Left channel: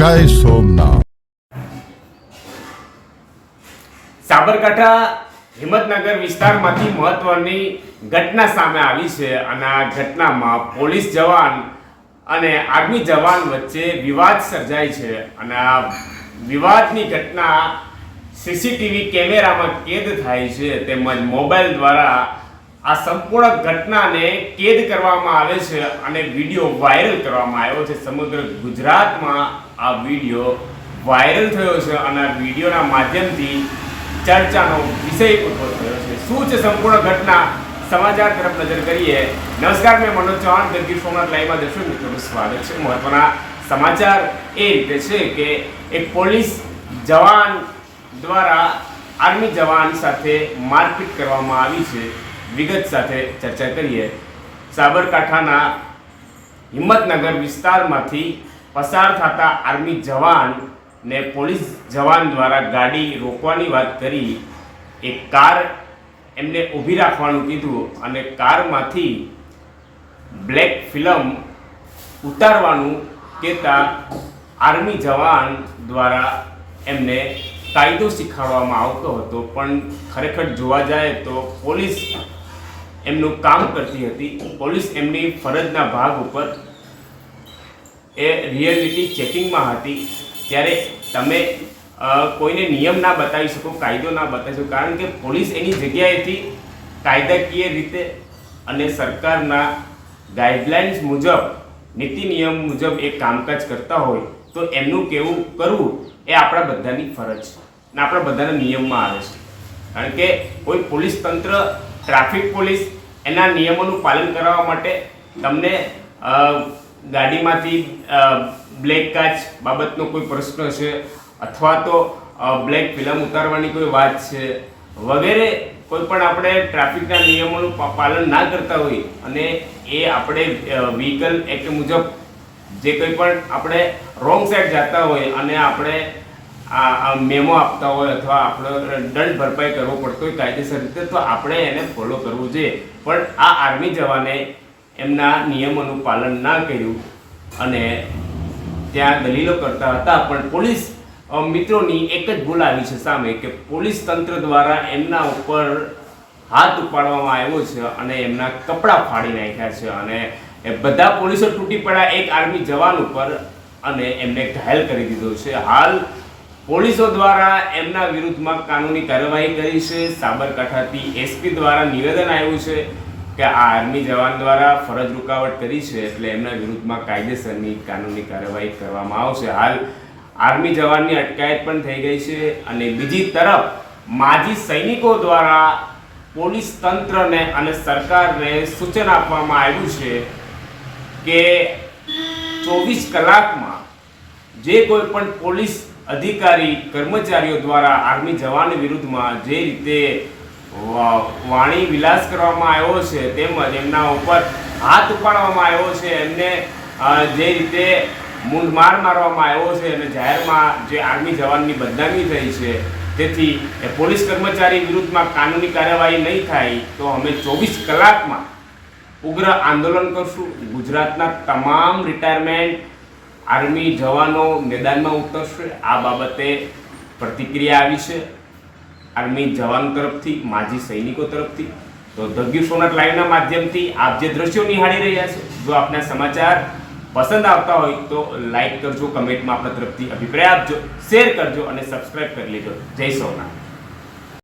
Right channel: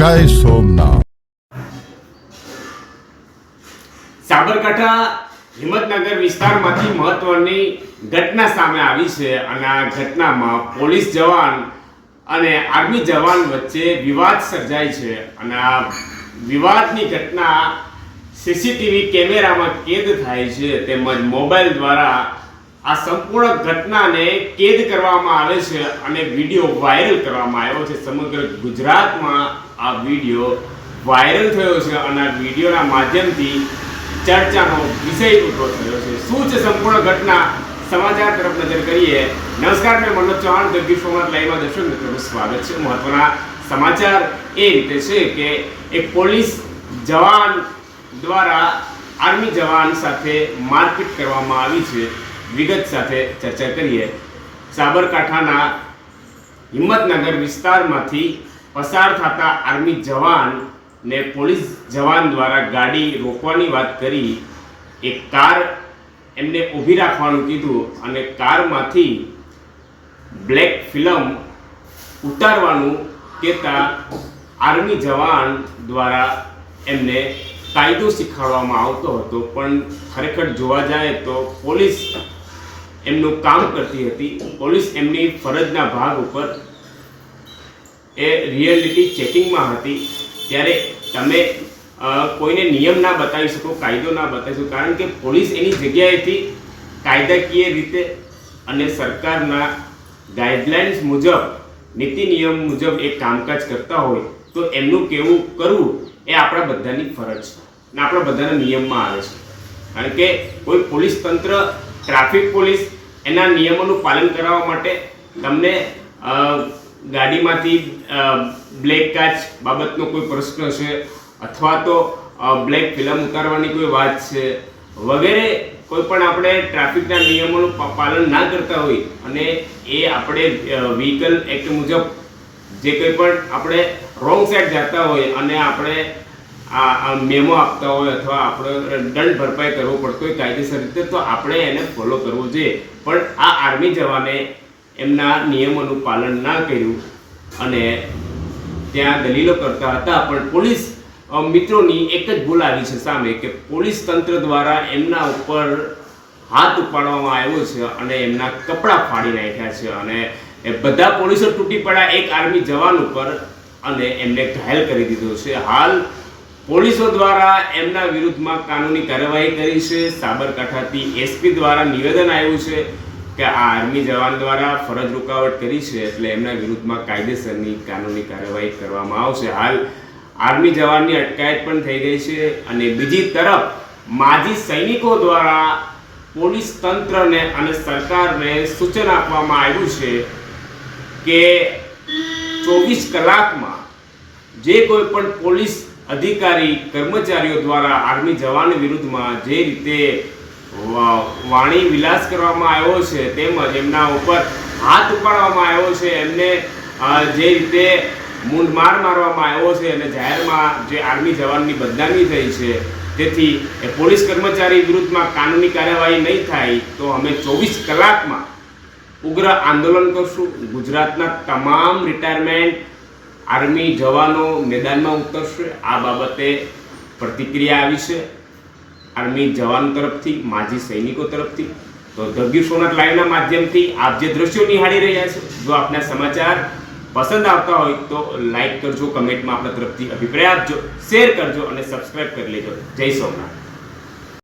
જય સોમનાથ. સાબરકાંઠા હિંમતનગર વિસ્તારમાંથી મહત્વની ઘટના સામે આવી છે અને આ ઘટનામાં પોલીસ જવાન અને આર્મી જવાન વચ્ચે વિવાદ સર્જાય છે અને આ વિવાદની ઘટના સીસીટીવી કેમેરામાં કેદ થાય છે તેમજ મોબાઈલ દ્વારા આ સંપૂર્ણ ઘટનાને કેદ કરવામાં આવે છે અને વિડીયો વાયરલ કરવામાં આવ્યો છે. સમગ્ર ગુજરાતમાં આ વિડીયો વાયરલ થયો છે અને આ વિડીયોના માધ્યમથી ચર્ચાનો વિષય ઊભો થયો છે. શું છે સંપૂર્ણ ઘટના? સમાચાર તરફ નજર કરીએ. નમસ્કાર, મેં મનોજ ચૌહાણ, ધ ગીર સોમનાથ લાઈવમાં દર્શક મિત્રોનું સ્વાગત છે. મહત્વના સમાચાર એ રીતે છે કે એક પોલીસ જવાન દ્વારા આર્મી જવાન સાથે મારપીટ કરવામાં આવી છે. વિગત સાથે ચર્ચા કરીએ. સાબરકાંઠાના હિંમતનગર વિસ્તારમાંથી પસાર થતા આર્મી જવાન ને પોલીસ જવાન દ્વારા ગાડી રોકવાની વાત કરી એક કાર એમને ઊભી રાખવાનું કીધું અને કારમાંથી બ્લેક ફિલ્મ ઉતારવાનું કહેતા આર્મી જવાન દ્વારા એમને કાયદો શીખવાડવામાં આવતો હતો. પણ ખરેખર જોવા જાય તો પોલીસ એમનું કામ કરતી હતી. પોલીસ એમની ફરજના ભાગ ઉપર એ રિયાલિટી ચેકિંગમાં હતી. ત્યારે તમે કોઈને નિયમ ના બતાવી શકો, કાયદો ના બતાવી શકો, કારણ કે પોલીસ એની જગ્યાએથી કાયદાકીય રીતે અને સરકારના ગાઈડલાઇન્સ મુજબ, નીતિ નિયમ મુજબ એ કામકાજ કરતા હોય તો એમનું કેવું કરવું એ આપણા બધાની ફરજ છે અને આપણા બધાના નિયમમાં આવે છે. કારણ કે કોઈ પોલીસ તંત્ર, ટ્રાફિક પોલીસ એના નિયમોનું પાલન કરવા માટે તમને ગાડીમાંથી બ્લેક કાચ બાબતનો કોઈ પ્રશ્ન છે અથવા તો બ્લેક ફિલ્મ ઉતારવાની કોઈ વાત છે વગેરે કોઈ પણ આપણે ટ્રાફિકના નિયમોનું પાલન ના કરતા હોય અને એ આપણે વ્હીકલ એક્ટ મુજબ જે કંઈ પણ આપણે રોંગ સાઈડ જતા હોય અને આપણે આ મેમો આપતા હોય અથવા આપણે દંડ ભરપાઈ કરવો પડતો હોય કાયદેસર રીતે, તો આપણે એને ફોલો કરવું જોઈએ. પણ આ આર્મી જવાને એમના નિયમોનું પાલન ના કર્યું અને ત્યાં દલીલો કરતા હતા. પણ પોલીસ મિત્રોની એક જ ભૂલ આવી છે સામે કે પોલીસ તંત્ર દ્વારા એમના ઉપર હાથ ઉપાડવામાં આવ્યો છે અને એમના કપડાં ફાડી નાખ્યા છે અને એ બધા પોલીસો તૂટી પડ્યા એક આર્મી જવાન ઉપર અને એમને ઘાયલ કરી દીધો છે. હાલ પોલીસો દ્વારા એમના વિરુદ્ધમાં કાનૂની કાર્યવાહી કરી છે. સાબરકાંઠાથી એસપી દ્વારા નિવેદન આવ્યું છે કે આ આર્મી જવાન દ્વારા ફરજ રૂકાવટ કરી છે એટલે એમના વિરુદ્ધમાં કાયદેસરની કાનૂની કાર્યવાહી કરવામાં આવશે. હાલ આર્મી જવાનની અટકાયત પણ થઈ ગઈ છે અને બીજી તરફ માજી સૈનિકો દ્વારા પોલીસ તંત્રને અને સરકારને સૂચન આપવામાં આવ્યું છે કે 24 કલાકમાં જે કોઈ પણ પોલીસ અધિકારી કર્મચારીઓ દ્વારા આર્મી જવાન વિરુદ્ધમાં જે રીતે વાણી વિલાસ કરવામાં આવ્યો છે તેમજ એમના ઉપર હાથ ઉપાડવામાં આવ્યો છે, એમને જે રીતે મૂંઢમાર મારવામાં આવ્યો છે અને જાહેરમાં જે આર્મી જવાનની બદનામી થઈ છે, તેથી એ પોલીસ કર્મચારી વિરુદ્ધમાં કાનૂની કાર્યવાહી નહીં થાય તો અમે 24 કલાકમાં ઉગ્ર આંદોલન કરશું. ગુજરાતના તમામ રિટાયરમેન્ટ આર્મી જવાનો મેદાનમાં ઉતરશે. આ બાબતે પ્રતિક્રિયા આવી છે આર્મી જવાન તરફથી, માજી સૈનિકો તરફથી. તો ધ ગીર સોમનાથ લાઈવના માધ્યમથી આપ જે દ્રશ્યો નિહાળી રહ્યા છો, જો આપના સમાચાર પસંદ આવતા હોય તો લાઈક કરજો, કમેન્ટમાં આપણા તરફથી અભિપ્રાય આપજો, શેર કરજો અને સબસ્ક્રાઈબ કરી લેજો. જય સોમનાથ.